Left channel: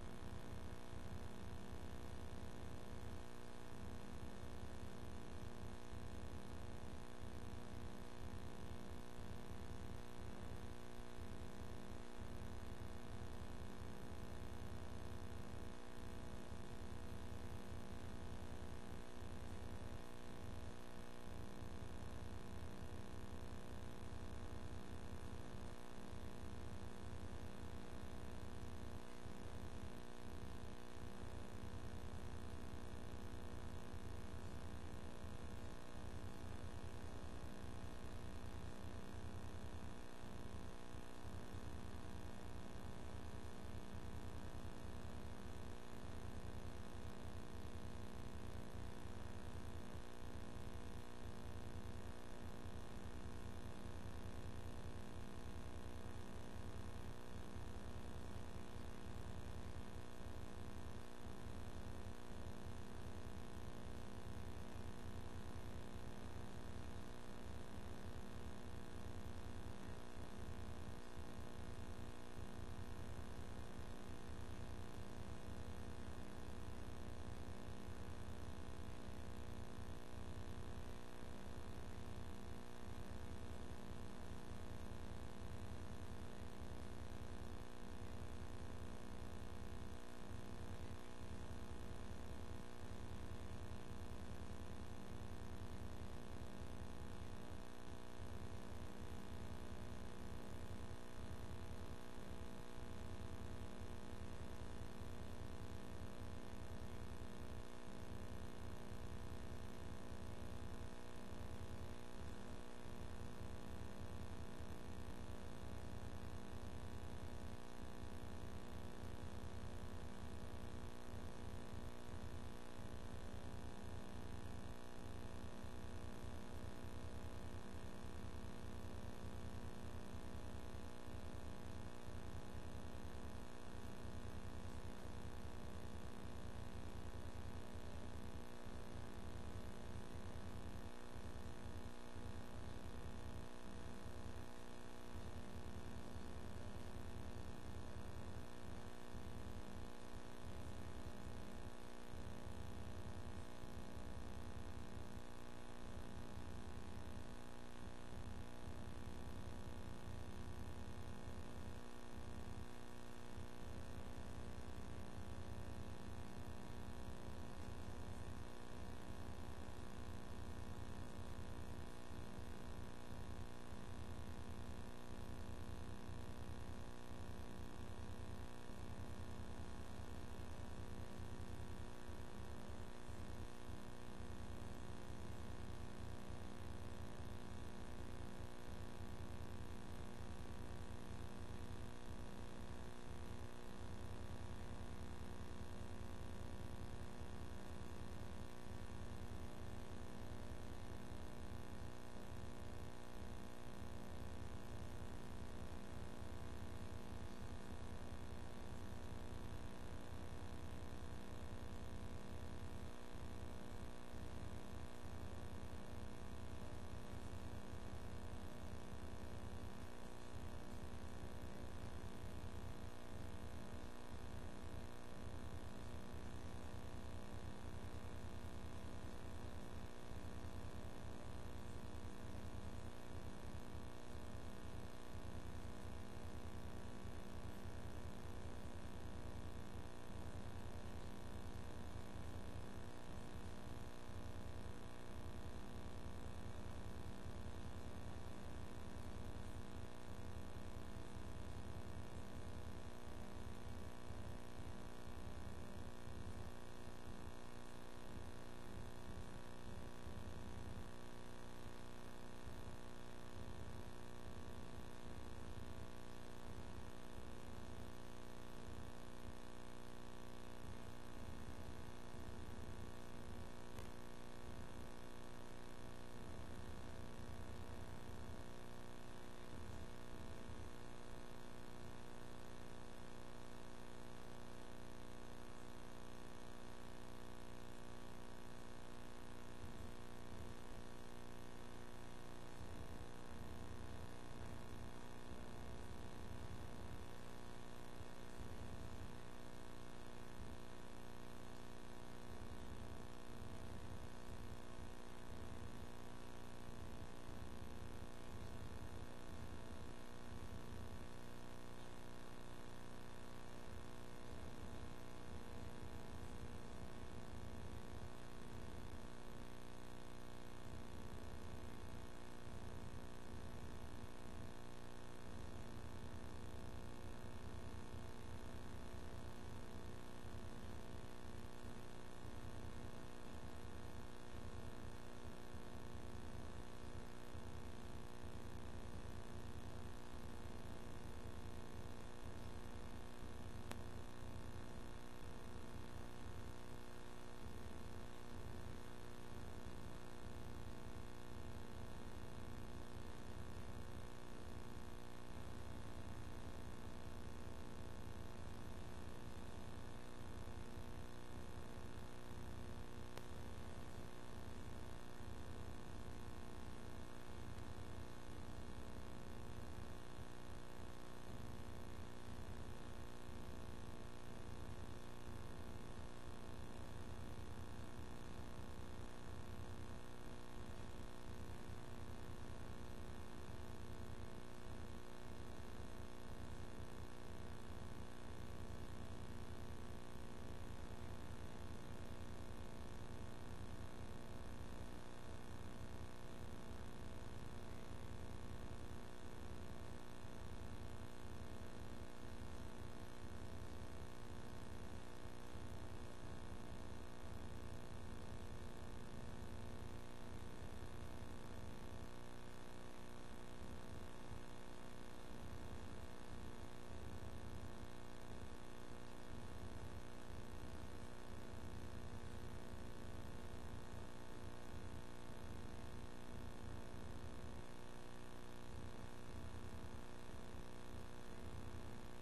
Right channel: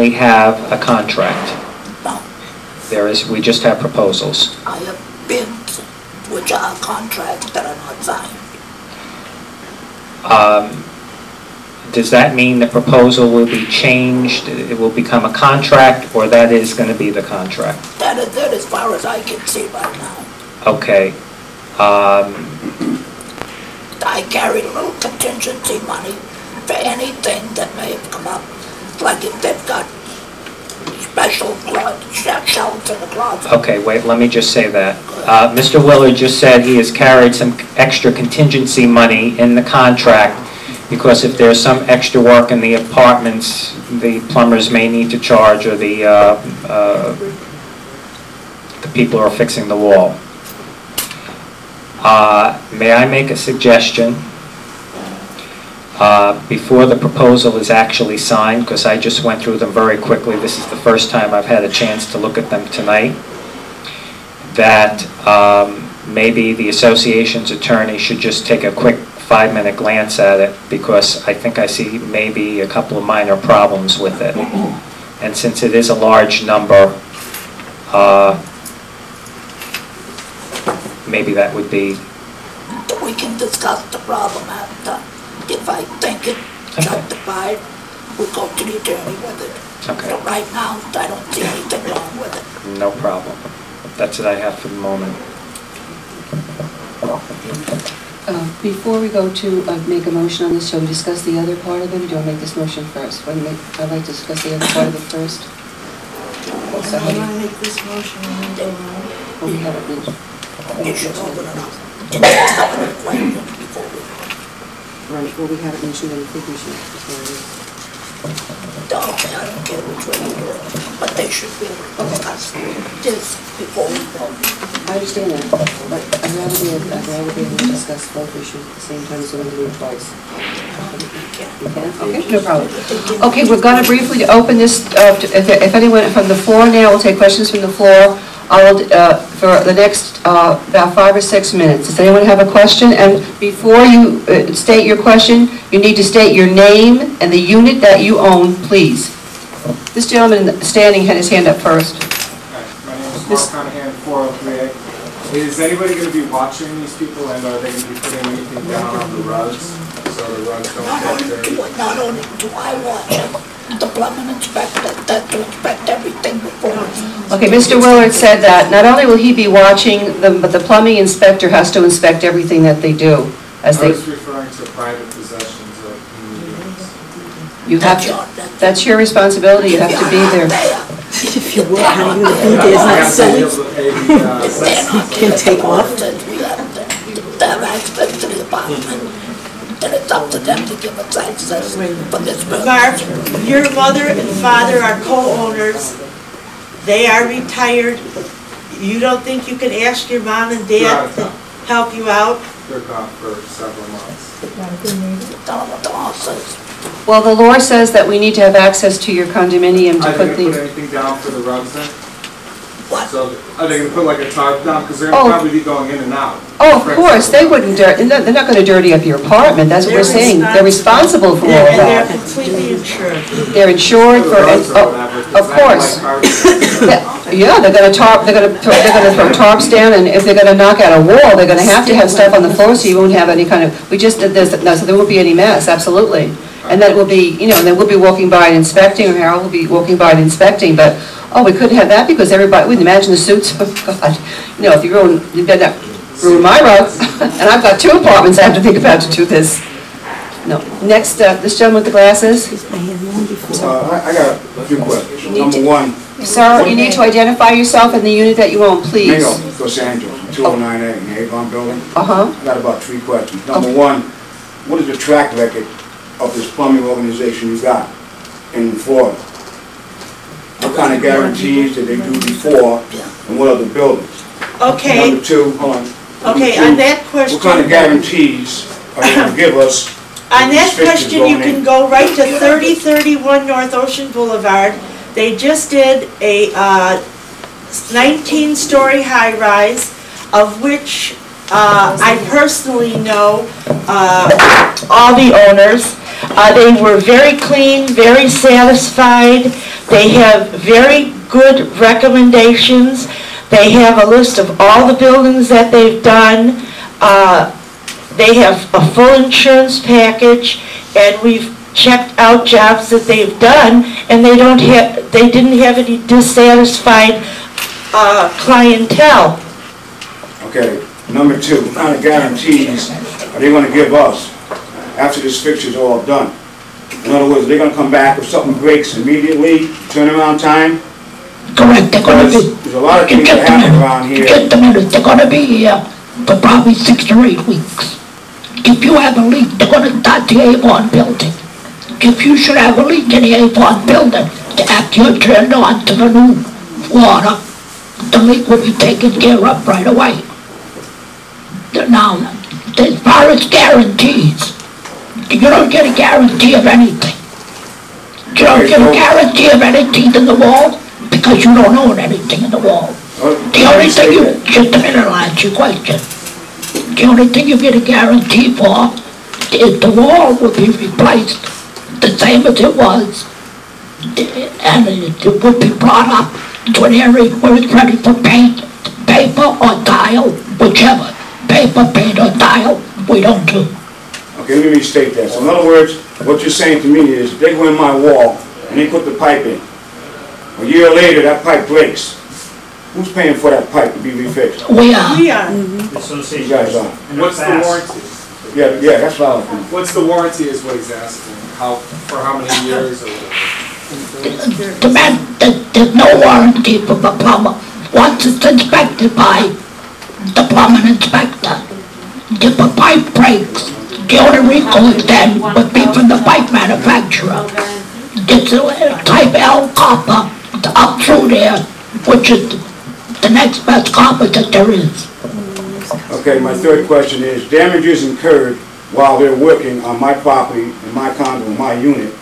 We have a contract. No, We just have proposals. I have bids which are contracts that are not signed. Does that mean the proposal will be changed, it will become a contract, or that is going to be the contract? That is it as far as I can see right now. Okay. I carried a little contingency money for anything that may have come up. Like if they've got special shelves in the closet. Okay, wait, let me just say that. Mr. Willard just said he has carried some extra contingency money in the contract because if there's some extra work in the apartments, the plumbers may need to charge, or the people who are fixing the wall. May I make a suggestion? Before the proposal is actually signed, because I just went through them very quickly, this is the first time I've had a chance to look at them tonight, that maybe the association's attorney should just take a quick 5-minute glance at it, because I think I see maybe a couple of minor problems with it. And since it is a large number, maybe that would be... We can discuss the problem after. If I think it's justified, we'll go to the attorney with it. Okay. But right now, I don't see anything wrong with it. No problem. That's what I have for the moment. Before we go to make a motion on this, shall we discuss the other part of it, or do I make this motion first? I'd like to discuss the other part of it first. I want to make this motion and then go on. Oh, we haven't mentioned. You should open it up. And that's how it went before we... Right, well, we haven't mentioned anything, we should. Okay, I don't care which way you do it, but they should be able to discuss this before we vote. I understand that, but I'd rather be able to discuss both issues at the same time, so we can do it twice. You can? Okay, no problem. Okay, we're going to briefly open this, if anyone from the floor now, we'll take questions from the floor. For the next about 5 or 6 minutes. Does anyone have a question? And before you state your question, you need to state your name and the unit that you own, please. This gentleman standing had his hand up first. My name is Mark Conahan, 403A. Is anybody going to be watching these people, and are they going to be putting anything down on the rugs so the rugs don't get dirty? Not only do I watch it, the plumbing inspector, that to inspect everything before. Okay, Mr. Willard said that not only will he be watching them, but the plumbing inspector has to inspect everything that they do. I was referring to private possessions of units. You have to, that's your responsibility, you have to be there. If you work, how are you going to be there? Isn't that silly? Can take off. They're access to the apartment. And it's up to them to give us access for this building. Mark, your mother and father are co-owners. They are retired. You don't think you can ask your mom and dad to help you out? They're gone for several months. Tell them what the law says. Well, the law says that we need to have access to your condominium to Are they put going to put the... anything down for the rugs then? What? So are they going to put like a tarp down? Because they're going to probably be going in and out. Oh, of course, they wouldn't, they're not going to dirty up your apartment, that's what we're saying. They're responsible for all And they're that. completely insured. They're insured for, of course. Yeah, they're going to throw tarps down, and if they're going to knock out a wall, they're going to have stuff on the floor, so you won't have any kind of, so there won't be any mess, absolutely. And that will be, and then we'll be walking by and inspecting, or Harold will be walking by and inspecting, but, oh, we couldn't have that because everybody, we can imagine the suits, oh, God. If you better ruin my rug, and I've got 2 apartments I have to think about to do this. No. Next, this gentleman with the glasses. I got a few questions. Number one. Sir, you need to identify yourself and the unit that you own, please. Mayo, Los Angeles, 209A in the Avon building. Uh-huh. I got about 3 questions. Number one, what is the track record of this plumbing organization you got in Florida? What kind of guarantees did they do before, and what other buildings? Okay. Number 2, hold on. Okay, on that question. What kind of guarantees are they going to give us? On that question, you can go right to 3031 North Ocean Boulevard. They just did a 19-story high-rise, of which I personally know all the owners. They were very clean, very satisfied. They have very good recommendations. They have a list of all the buildings that they've done. They have a full insurance package, and we've checked out jobs that they've done, and they didn't have any dissatisfied clientele. Okay, number two, what kind of guarantees are they gonna give us after this fixture's all done? In other words, they're gonna come back if something breaks immediately, turnaround time? Correct, they're gonna Because be, there's a lot of things that happen around here. get the minute, they're gonna be here for probably 6 to 8 weeks. If you have a leak, they're gonna start the Avon building. If you should have a leak in the Avon building, after you're turned on to the new water, the leak will be taken care of right away. Now, as far as guarantees, you don't get a guarantee of anything. You don't get a guarantee of anything in the wall because you don't own anything in the wall. The only thing just a minute, I'll answer your question. The only thing you get a guarantee for is the wall will be replaced the same as it was, and it would be brought up to an area where it's ready for paint, paper or tile, whichever. Paper, paint or tile, we don't do. Okay, let me restate that. So in other words, what you're saying to me is, they go in my wall and they put the pipe in. A year later, that pipe breaks. Who's paying for that pipe to be refixed? We are. We are. You guys are. What's the warranty? Yeah, that's what I was thinking. What's the warranty is what he's asking. For how many years or whatever? The man, there's no warranty for the plumber. Once it's inspected by the plumbing inspector, if a pipe breaks, the only recourse then would be from the pipe manufacturer. It's a type L copper up through there, which is the next best copper that there is. Okay, my third question is, damages incurred while they're working on my property, in my condo, in my unit,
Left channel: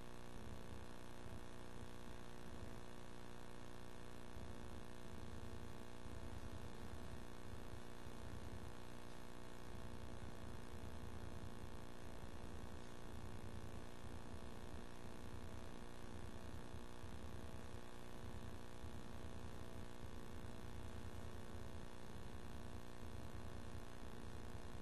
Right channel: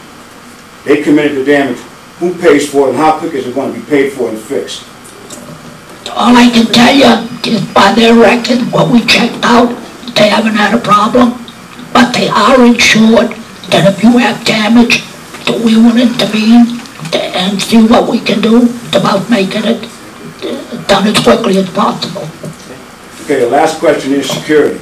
they committed the damage. Who pays for it and how quick is it going to be paid for and fixed? All I can tell you is by their record, what we checked out, they haven't had a problem, but they are insured that if you have damage, that we will intervene and see what we can do about making it done as quickly as possible. Okay, the last question is security.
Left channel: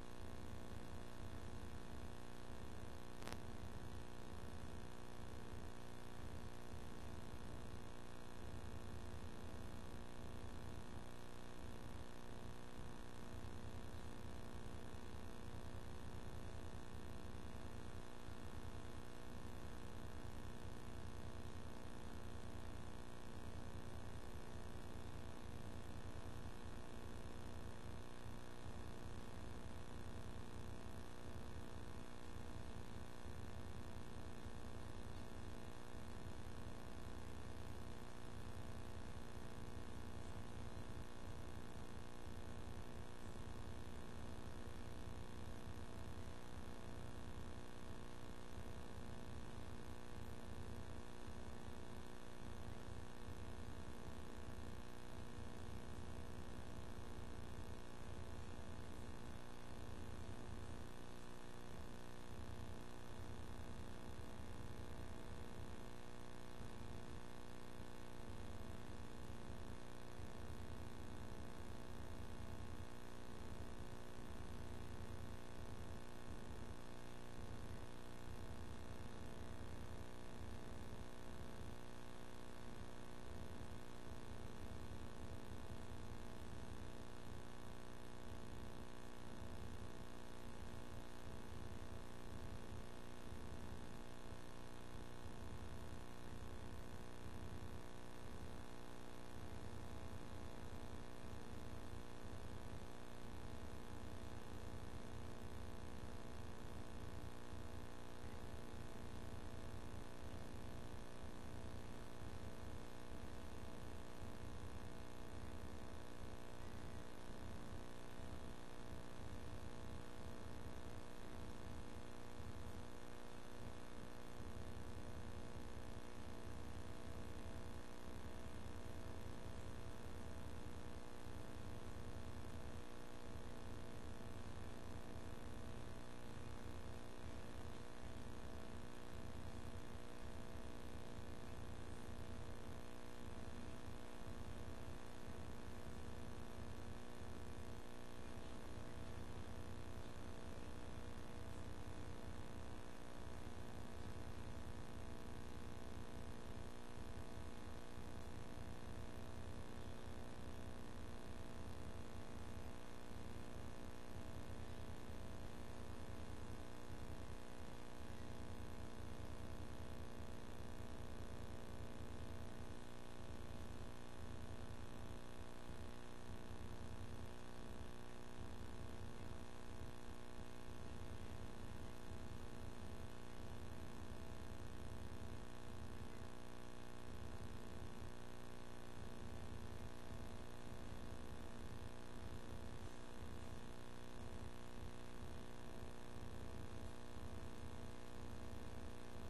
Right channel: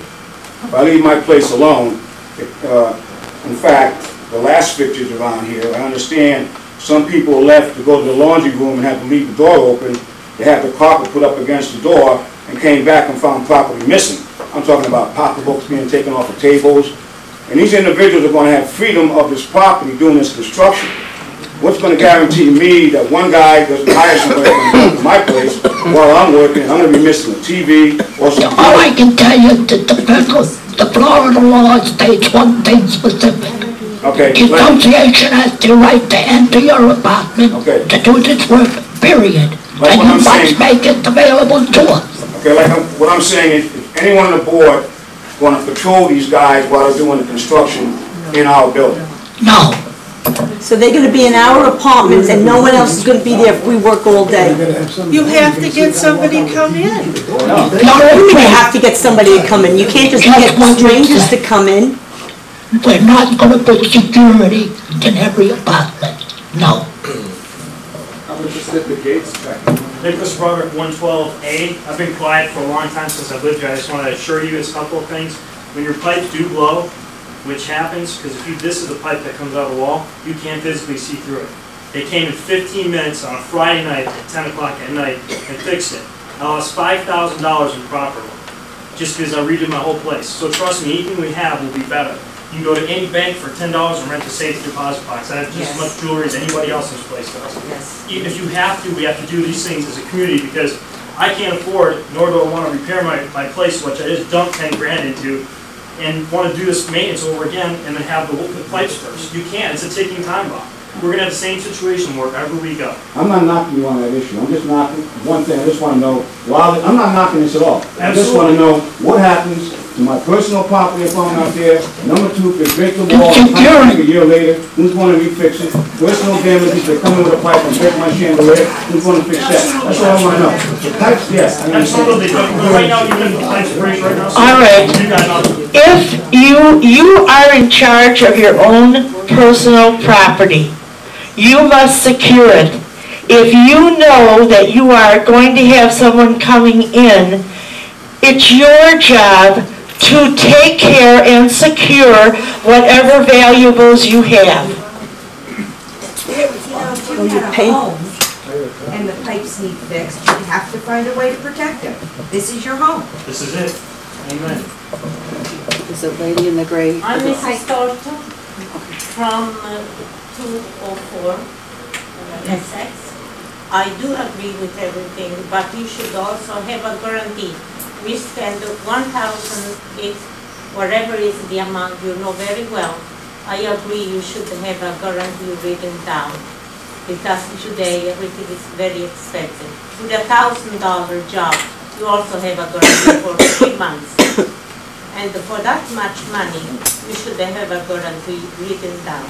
If I leave my place alone, in fact, the last fixtures around here, I understand some people left to go to the laundry room and had to leave the door open. They had the carpet put up against the door and came back and found property missing. I'm talking about pocketbooks being taken off of tables. And these individuals are going to have freedom of this property doing this construction. What's going to guarantee me that one guy doesn't hire somebody to come to my place while I'm working and I'm going to be missing a TV or something? All I can tell you is that the Florida law states one thing specific. Okay. The association has the right to enter your apartment to do its work, period. Like and what you I'm must saying. make it available to us. Okay, what I'm saying is, anyone on the board going to patrol these guys while they're doing the construction in our building? No. So they're gonna be in our apartments and no one else is gonna be there if we work all day. You have to get somebody to come in. You may have to get somebody to come in. You can't just get strangers to come in. We're not going to put security in every apartment. No. How about just at the gates back? Nicholas Roderick, 112A. I've been quiet for a long time since I've lived here. I just want to assure you a couple of things. When your pipes do blow, which happens, because this is the pipe that comes out of the wall, you can't physically see through it. They came in 15 minutes on a Friday night at 10 o'clock at night and fixed it. I lost $5,000 in property just because I redid my whole place. So trust me, anything we have will be better. You can go to any bank for $10 and rent a safe deposit box. I have just as much jewelry as anybody else in this place does. Even if you have to, we have to do these things as a community because I can't afford, nor do I want to repair my place, which I just dumped 10 grand into, and want to do this maintenance over again and then have the pipes burst. You can't. It's a ticking time bomb. We're going to have the same situation wherever we go. I'm not knocking you on that issue. I'm just knocking one thing. I just want to know, I'm not knocking this at all. I just want to know what happens to my personal property if I'm out there. Number two, if they break the wall, a year later, who's going to refix it? Personal damages, they come in with a pipe and break my chandelier, who's going to fix that? That's all I want to know. The pipes, yes. Absolutely. But right now, you're in the pipes break right now. So All right. You got nothing. If you are in charge of your own personal property, you must secure it If you know that you are going to have someone coming in, it's your job to take care and secure whatever valuables you have. Oh, you paint? And the pipes need fixed, you have to find a way to protect them. This is your home. This is it. Amen. There's a lady in the gray. I'm Mrs. Thornton from 204 Essex. I do agree with everything, but you should also have a guarantee. We spend 1,000, if whatever is the amount, you know very well. I agree you should have a guarantee written down, because today everything is very expensive. With $1,000 job, you also have a guarantee for 3 months. And for that much money, you should have a guarantee written down.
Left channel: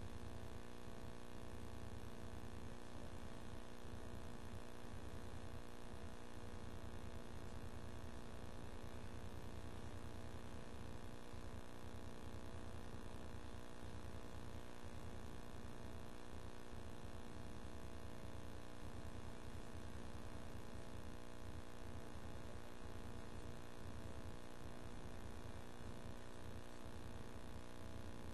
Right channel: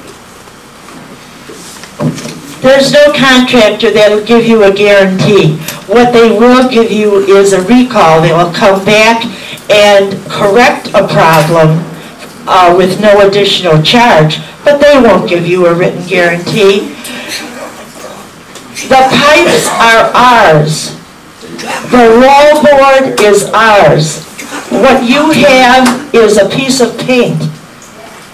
There's no contractor that will give you a guarantee. What they will give you is a recall. They will come back and correct a problem with no additional charge, but they won't give you a written guarantee. The pipes are ours. The wall board is ours. What you have is a piece of paint.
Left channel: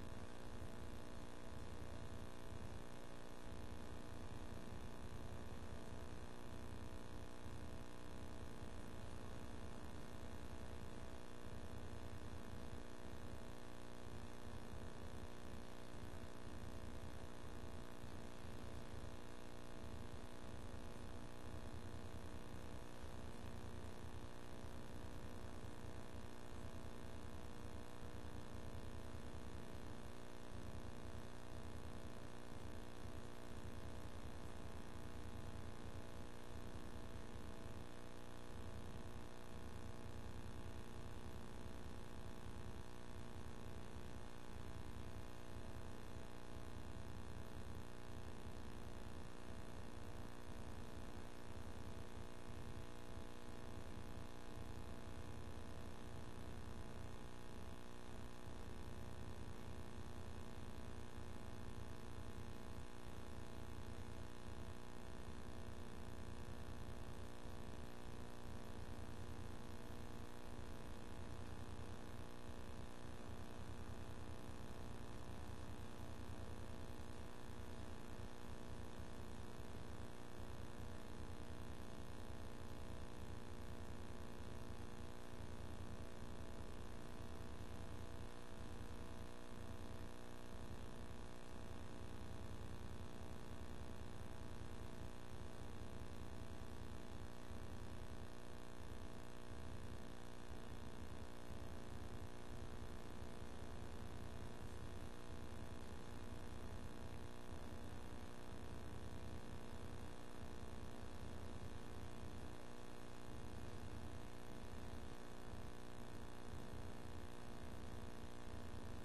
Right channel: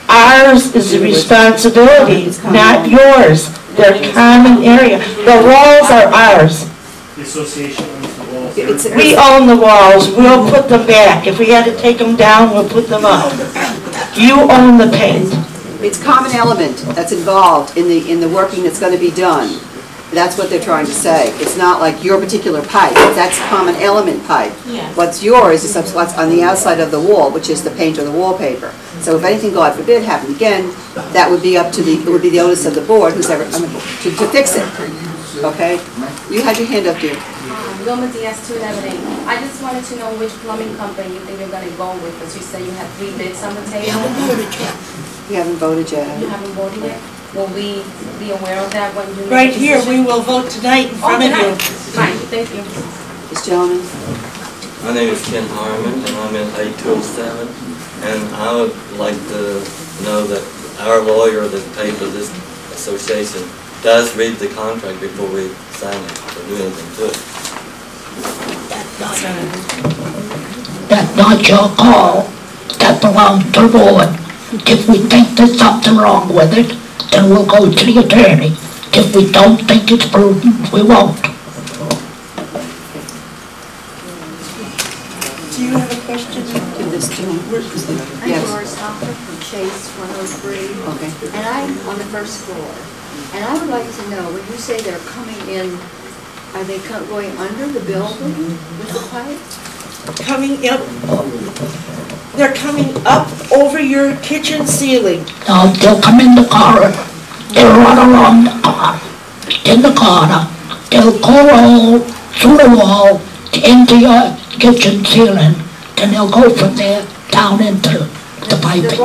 Ours is the responsibility, not yours. They're common area. The walls are ours. The association owns the walls. We own the walls. We'll put them back. If we had to take them down, we'll put them up. You own the paint. It's common element that's involved in the working that's going to be done. That's what they're trying to say. It's not like your particular pipe. That's common element pipe. Yes. What's yours is what's on the outside of the wall, which is the paint or the wallpaper. So if anything, God forbid, happened again, that would be up to it would be the onus of the board, who's ever, to fix it. Okay? You had your hand up, dear. Wilma Diaz, 211. I just wanted to know which plumbing company you think you're going to go with, because you say you have 3 bids on the table. We haven't voted yet. You haven't voted yet? Will we be aware of that when you make Right a here, decision? we will vote tonight in front of you. Fine, thank you. This gentleman. My name is Ken Harmon, and I'm in 8207, and I would like to know that our lawyer that paid for this association does read the contract before we sign it or do anything to it. That's not your call. That belongs to the board. If we think there's something wrong with it, then we'll go to the attorney. If we don't think it's prudent, we won't. Do you have a question? Give this to him. I'm Yes. Doris Hoffman from Chase 103. Okay. And I'm on the first floor. And I would like to know, when you say they're coming in, are they going under the building with the pipe? Coming up, they're coming up over your kitchen ceiling. Now, they'll come in the corridor. They'll run along the corner. In the corner, they'll go all through the wall into your kitchen ceiling. Then they'll go from there down into the piping.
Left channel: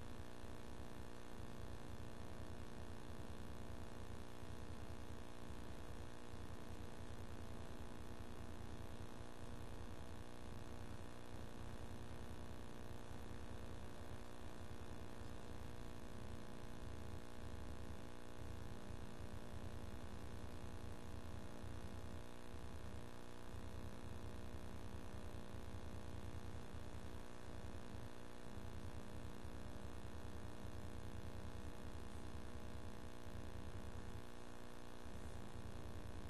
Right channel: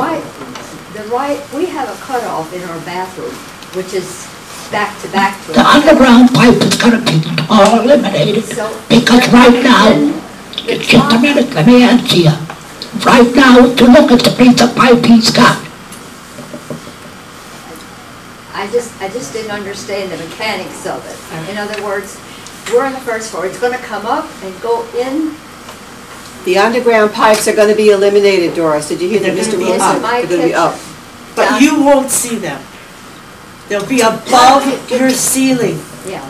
We have a cutoff in our bathroom, which is back to back. The underground pipe is going to be all eliminated because right now, just a minute, let me answer you. Right now, if you look at the piece of pipe he's got, I just didn't understand the mechanics of it. In other words, we're on the first floor. It's going to come up and go in. The underground pipes are going to be eliminated, Doris. Did you hear that, Mr. Wilson? They're going to be up. But you won't see them. They'll be above your ceiling. Yeah.